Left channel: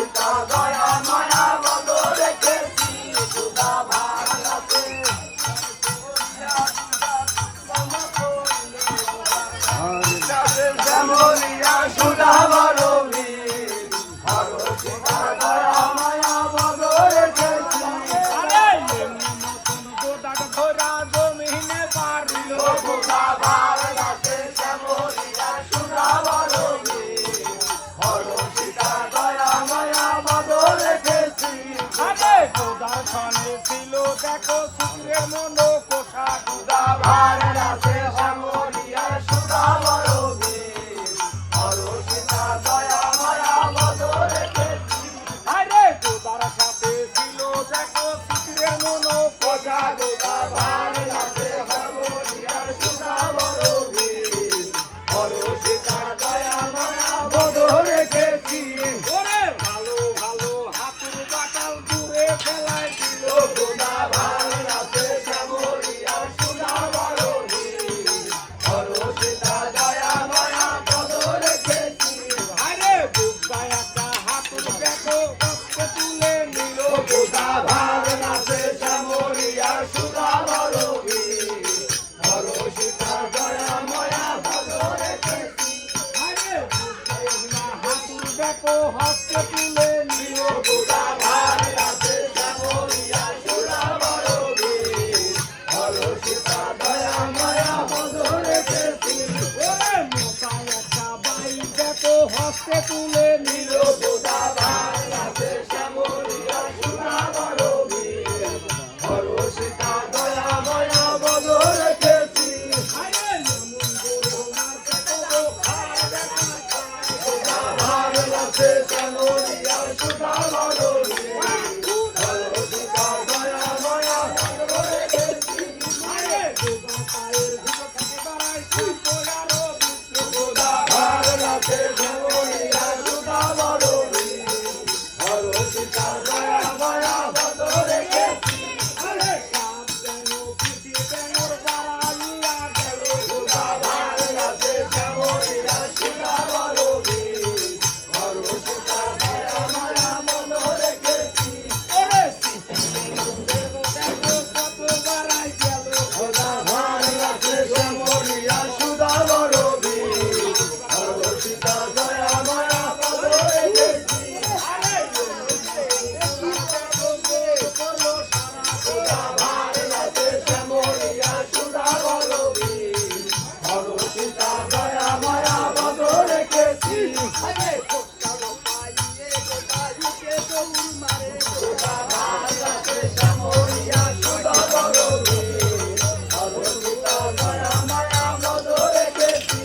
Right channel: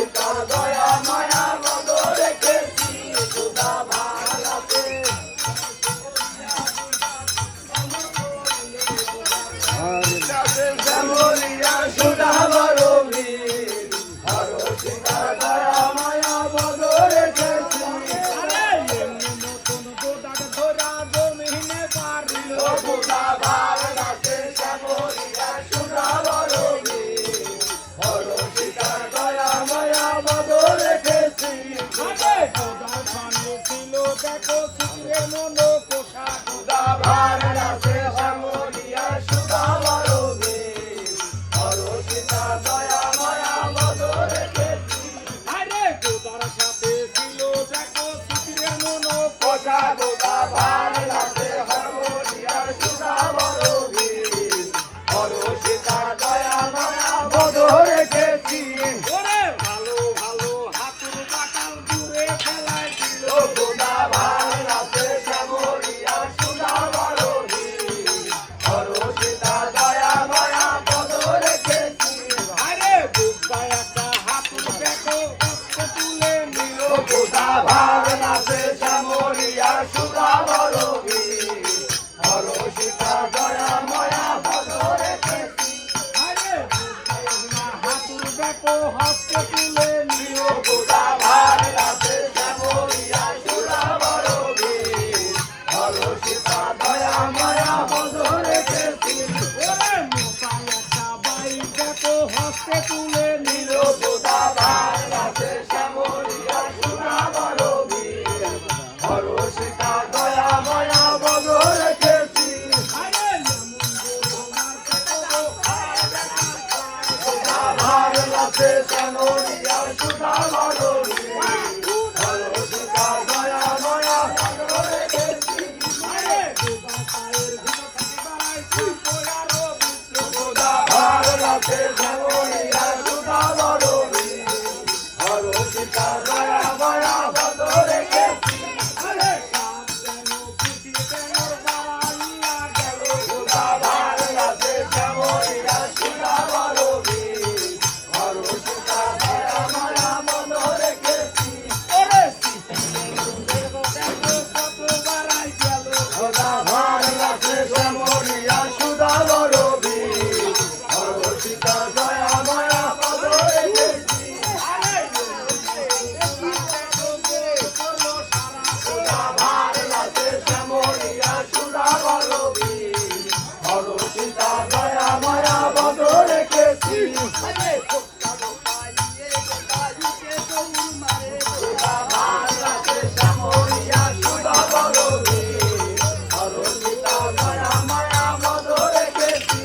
সীতা দয়া মায়া বদ রেখেছি সুধা ভাঙাতে শ্যামলিয়া সুধা বরবী হর সীতা দয়া মায়া বদ রেখেছি সুধা ভাঙাতে শ্যামলিয়া সুধা বরবী হর সীতা দয়া মায়া বদ রেখেছি ছিল দেখো শুক্রের মন কোষা সুধা ভাঙাতে শ্যামলিয়া সুধা বরবী হর সীতা দয়া মায়া বদ রেখেছি আরে গোদার সাথে ছিল দেখো শুক্রের মন কোষা সুধা ভাঙাতে শ্যামলিয়া সুধা বরবী হর সীতা দয়া মায়া বদ রেখেছি ওরে ভালো ভালো হাতুর বাটাল দূরে ফেলায় দিল সুধা ভাঙাতে শ্যামলিয়া সুধা বরবী হর সীতা দয়া মায়া বদ রেখেছি আরে বুকটায় একটা হাতুর দেখো কষ্ট তুলে নিল সুধা ভাঙাতে শ্যামলিয়া সুধা বরবী হর সীতা দয়া মায়া বদ রেখেছি আরে হাতুর দেখো হস্তে তুলে নিল সুধা ভাঙাতে শ্যামলিয়া সুধা বরবী হর সীতা দয়া মায়া বদ রেখেছি ওরে মোটায় একটা বাই দেখো হস্তে তুলে নিল সুধা ভাঙাতে শ্যামলিয়া সুধা বরবী হর সীতা দয়া মায়া বদ রেখেছি আরে যেমন গরু মারতে কবো সুধা ভাঙাতে শ্যামলিয়া সুধা বরবী হর সীতা দয়া মায়া বদ রেখেছি আরে দুবা পায়ের ভিতর থেকে বাড়াই তুই পোলারো সুধা ভাঙাতে শ্যামলিয়া সুধা বরবী হর সীতা দয়া মায়া বদ রেখেছি আরে সাপ যেন খুশি বেনর বাড়াইয়া গেল সুধা ভাঙাতে শ্যামলিয়া সুধা বরবী হর সীতা দয়া মায়া বদ রেখেছি ওরে দেখো কত বাড়াই গেল সুধা ভাঙাতে শ্যামলিয়া সুধা বরবী হর সীতা দয়া মায়া বদ রেখেছি আরে করলো সারা সুধা ভাঙাতে শ্যামলিয়া সুধা বরবী হর সীতা দয়া মায়া বদ রেখেছি আরে কোকালো পাইয়ে কোকাইকে দৌড় মারে সুধা ভাঙাতে শ্যামলিয়া সুধা বরবী হর সীতা দয়া মায়া বদ রেখেছি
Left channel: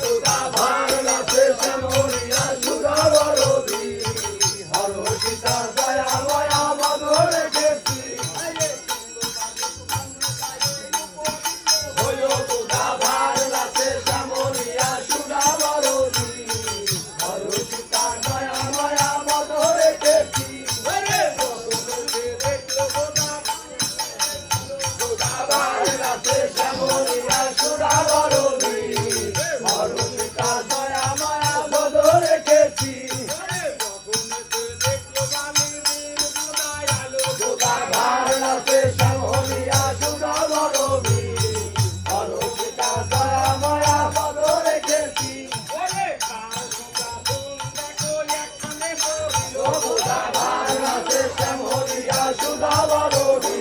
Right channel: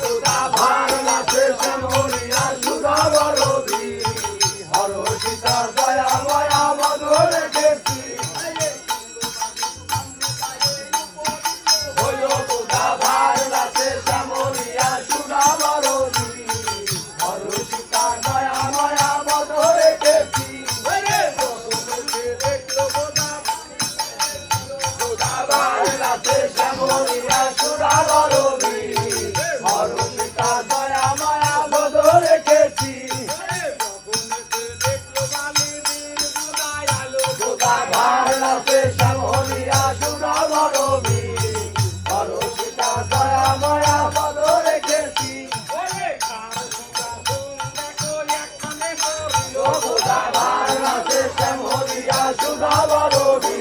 সুধা ভাঙাতে শ্যামলিয়া সুধা বরবী হর সীতা দয়া মায়া বদ রেখেছি হলো সুধা ভাঙাতে শ্যামলিয়া সুধা বরবী হর সীতা দয়া মায়া বদ রেখেছি সুধা ভাঙাতে শ্যামলিয়া সুধা বরবী হর সীতা দয়া মায়া বদ রেখেছি সুধা ভাঙাতে শ্যামলিয়া সুধা বরবী হর সীতা দয়া মায়া বদ রেখেছি সুধা ভাঙাতে শ্যামলিয়া সুধা বরবী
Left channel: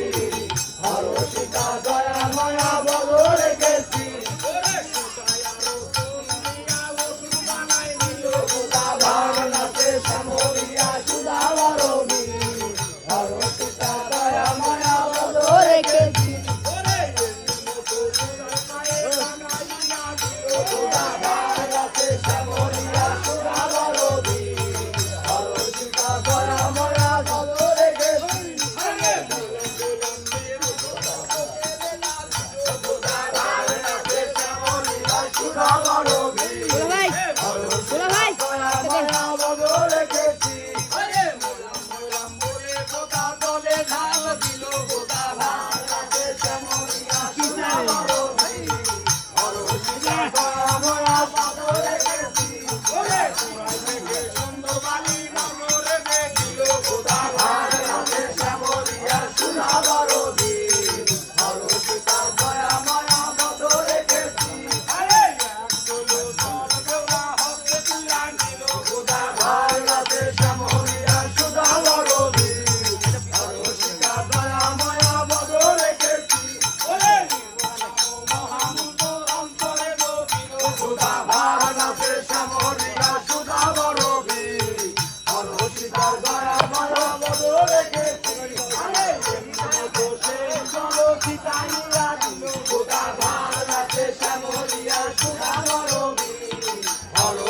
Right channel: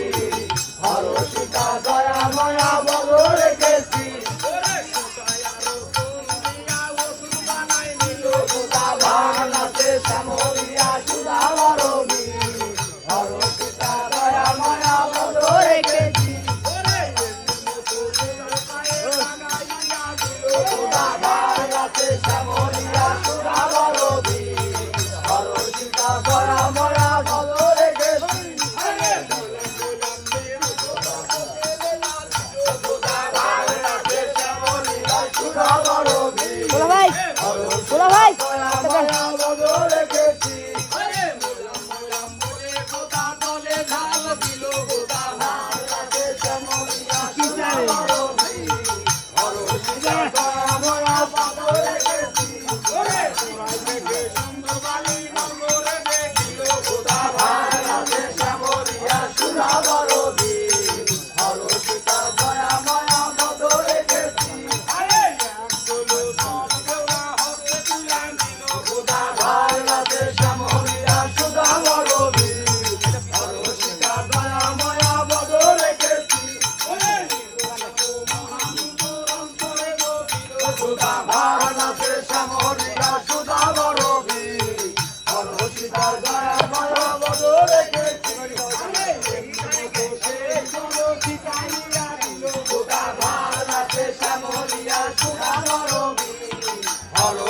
হর সীতা দয়া মায়া বদ রেখেছি সুধা ভাঙাতে শ্যামলিয়া সুধা বরবী হর সীতা দয়া মায়া বদ রেখেছি সুধা ভাঙাতে শ্যামলিয়া সুধা বরবী হর সীতা দয়া মায়া বদ রেখেছি সুধা ভাঙাতে শ্যামলিয়া সুধা বরবী হর সীতা দয়া মায়া বদ রেখেছি সুধা ভাঙাতে শ্যামলিয়া সুধা বরবী হর সীতা দয়া মায়া বদ রেখেছি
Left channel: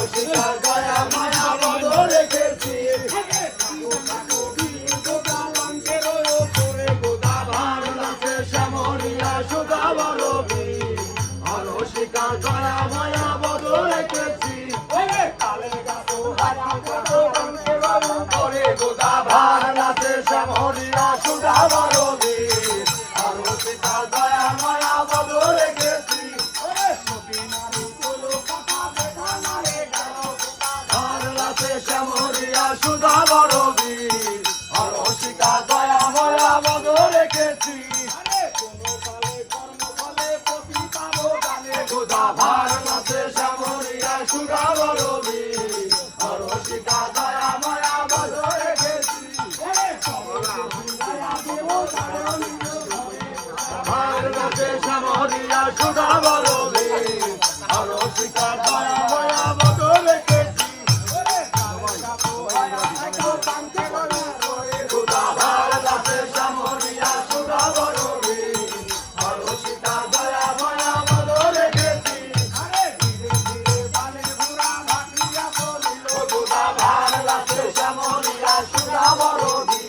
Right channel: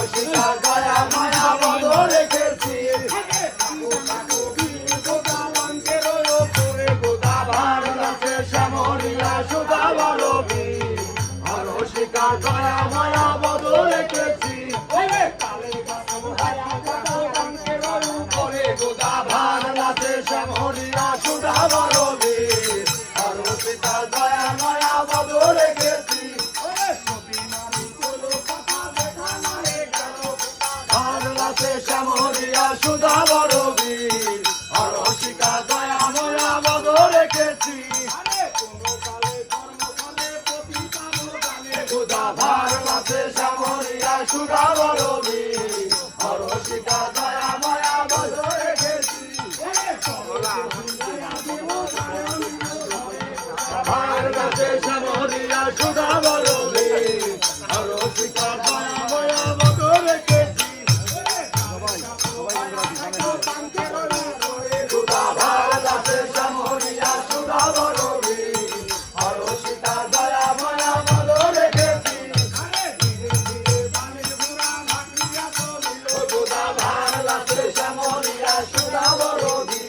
হরসিতা দয়া মায়া বদ রেখেছি গোদাভার নাচে শ্যামলিয়া সুধা বরবী হরসিতা দয়া মায়া বদ রেখেছি গোদাভার নাচে শ্যামলিয়া সুধা বরবী হরসিতা দয়া মায়া বদ রেখেছি শ্যামলিয়া সুধা বরবী হরসিতা দয়া মায়া বদ রেখেছি গোদাভার নাচে শ্যামলিয়া সুধা বরবী হরসিতা দয়া মায়া বদ রেখেছি গোদাভার নাচে শ্যামলিয়া সুধা বরবী হরসিতা দয়া মায়া বদ রেখেছি গোদাভার নাচে শ্যামলিয়া সুধা বরবী হরসিতা দয়া মায়া বদ রেখেছি গোদাভার নাচে শ্যামলিয়া সুধা বরবী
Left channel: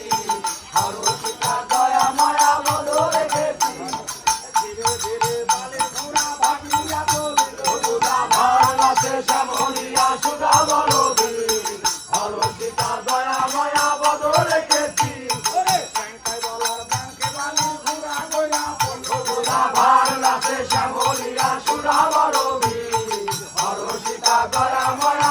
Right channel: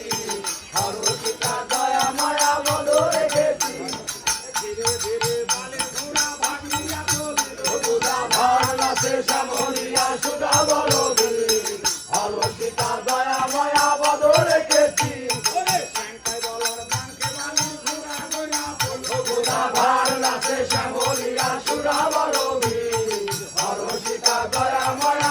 হরসিতা দয়া মায়া বদ রেখেছি গোদাভার নাচে শ্যামলিয়া সুধা বরবী হরসিতা দয়া মায়া বদ রেখেছি গোদাভার নাচে শ্যামলিয়া সুধা বরবী হরসিতা দয়া মায়া